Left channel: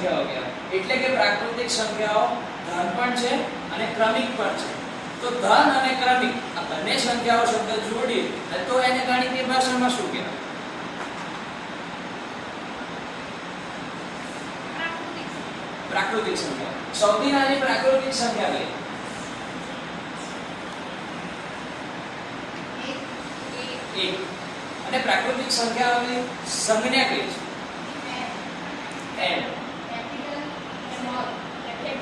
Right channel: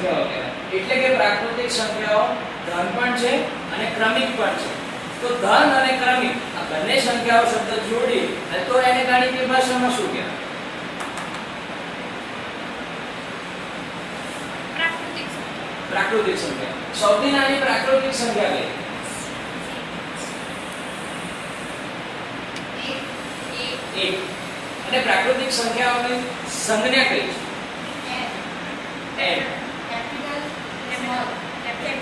સંખ્યાઓ કહેવાય. એટલે કે પ્રાકૃતિક સંખ્યાઓ ધન પણ છે અને ક્રમિક પણ છે. તો ધન અને ક્રમિક આ બંને સંખ્યાઓ શબ્દ જોડી તો એને ગણિતની ભાષામાં શું કહેવાય? પ્રાકૃતિક સંખ્યા. સૌથી નાની પ્રાકૃતિક સંખ્યા કઈ? એક. અને પ્રાકૃતિક સંખ્યાઓની સંજ્ઞા કઈ છે? n.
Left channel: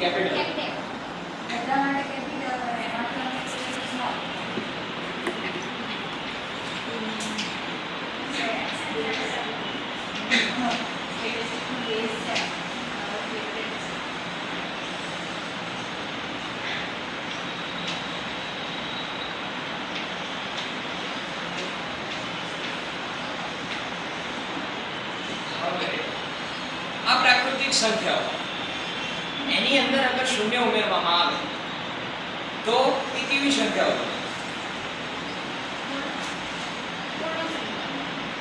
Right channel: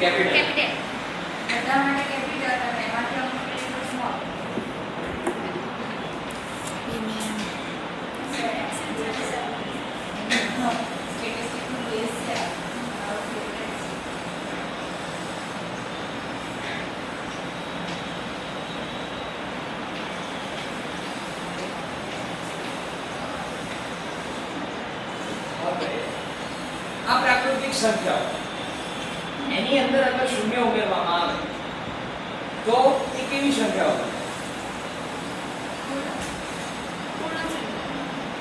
કેપિટલ. બધા માટે કેપિટલ અને એમાં સ્મોલ. આ પ્રાકૃતિક સંખ્યાઓ એની અંદર અગર શૂન્ય ઉમેરવામાં આવે તો એ કેવી સંખ્યાઓ બને?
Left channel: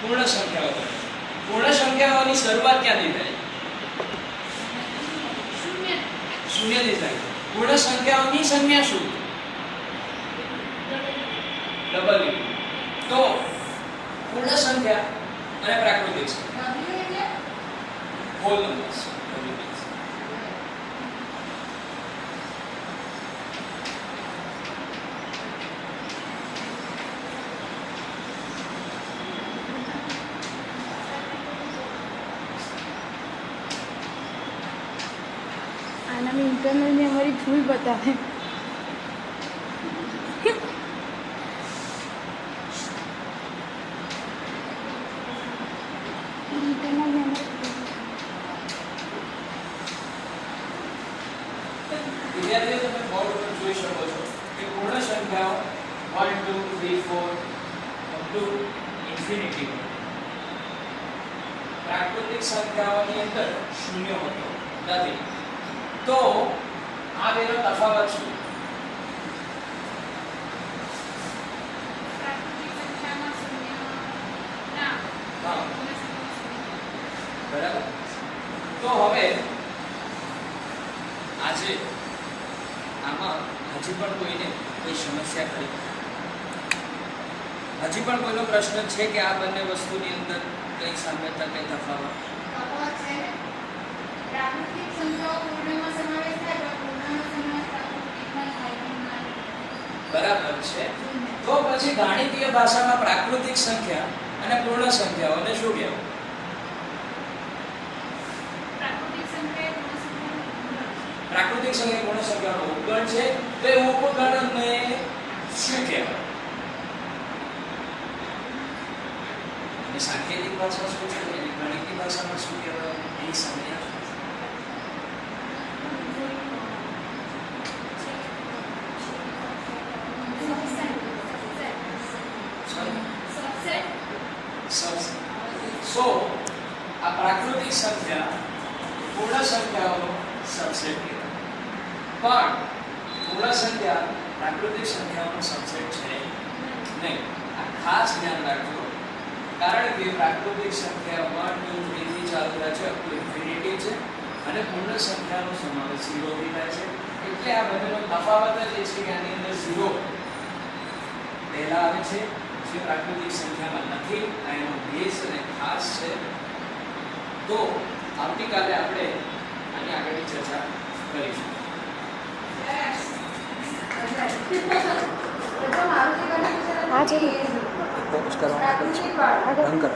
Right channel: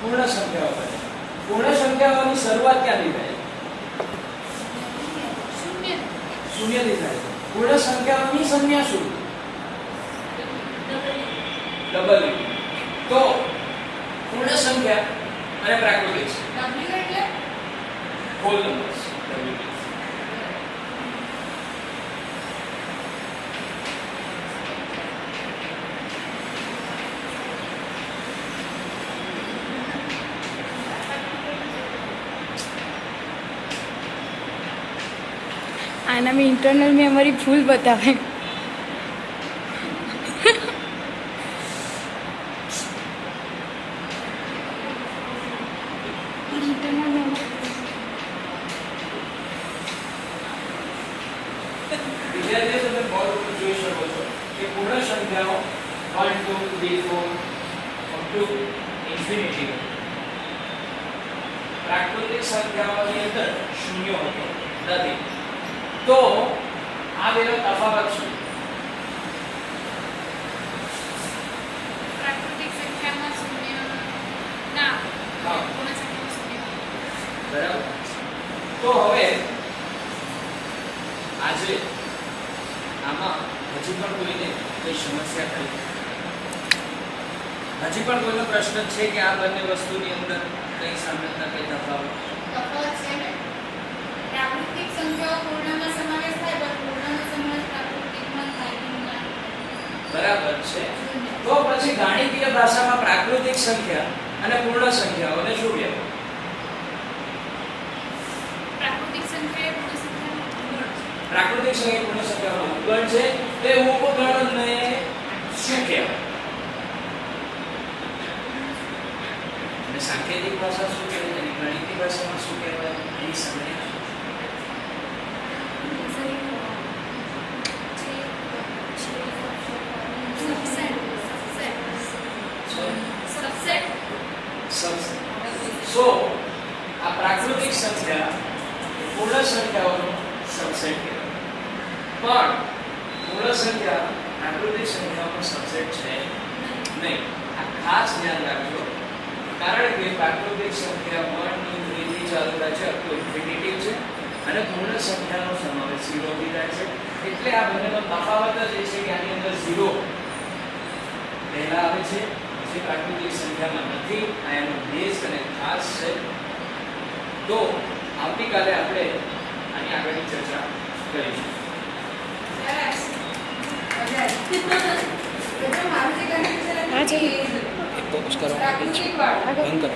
પૂર્ણ સંખ્યાઓ બને. પૂર્ણ સંખ્યાઓની શરૂઆત ક્યાંથી થાય? શૂન્યથી થાય. પૂર્ણ સંખ્યાઓની સંજ્ઞા શું? ડબલ. તો પૂર્ણ સંખ્યા અને પ્રાકૃતિક સંખ્યા હોલ નંબર્સ. आना में इंटरनल में हमारी भूल बतावे. इंटरनल में વિદ્યાર્થીઓ તમે બોર્ડ પર જોઈ શકો છો કે પૂર્ણ સંખ્યાઓ 1 2 3 4 અપ ટુ ઇન્ફિનિટી. પ્રાકૃતિક સંખ્યાઓની અંદર શૂન્ય હોતો નથી. તો આ બેનો તફાવત શું? પ્રાકૃતિક સંખ્યામાં શૂન્ય ના હા. પૂર્ણ સંખ્યામાં શૂન્ય. બરાબર. તો હવે આજે આમાં હજી પણ કોઈને કોઈ સમસ્યા ખરી? હજી પણ કોઈનો પ્રશ્ન છે કે આ બંને વસ્તુની અંદર કઈ સામ્યતા કઈ તફાવત? તફાવત છે ને પ્રાકૃતિક સંખ્યાઓ પૂર્ણમાં સમાવેશ થાય પણ પૂર્ણનો સમાવેશ પ્રાકૃતિકમાં થાય નહીં. બરાબર છે. તો પછી ગાણિતીય ભાષામાં પ્રાકૃતિક સંખ્યા અને પૂર્ણ સંખ્યાઓને શું કહેવાય? પ્રાકૃતિક સંખ્યા એ પૂર્ણ સંખ્યાનો ગુણ છે. પ્રાકૃતિક સંખ્યા પૂર્ણ સંખ્યાનો ઉપગણ છે. તો એ ઉપગણને શું કહેવાય? અને સાંકેતિક ભાષા શું છે અને ગણિતીય ભાષામાં શું કહેવાય? એની સંજ્ઞા શું? સો આ પ્રાકૃતિક સંખ્યા પૂર્ણ સંખ્યાઓનો સબસેટ કહેવાય. પણ પૂર્ણ સંખ્યા પ્રાકૃતિક સંખ્યાઓનો સબસેટ છે નહીં. આ ખાસ ધ્યાન રાખજો. કારણ કે પ્રાકૃતિક સંખ્યા 1 2 3 થી ચાલુ થાય છે અપ ટુ ઇન્ફિનિટી છે અને પૂર્ણ સંખ્યાનો સમાવેશ 0 થી થાય છે. એટલે આ બંનેનો તફાવત જ એ છે કે આની અંદર 0 પહેલા આવે છે જે પ્રાકૃતિક સંખ્યામાં નથી. આ એનો બેઝ અને ખાસ છે. તો આવતીકાલે આપણે આની આગળની ચર્ચા કરીશું. हाँ जी. પ્રાકૃતિક વાળું બંધ કરો.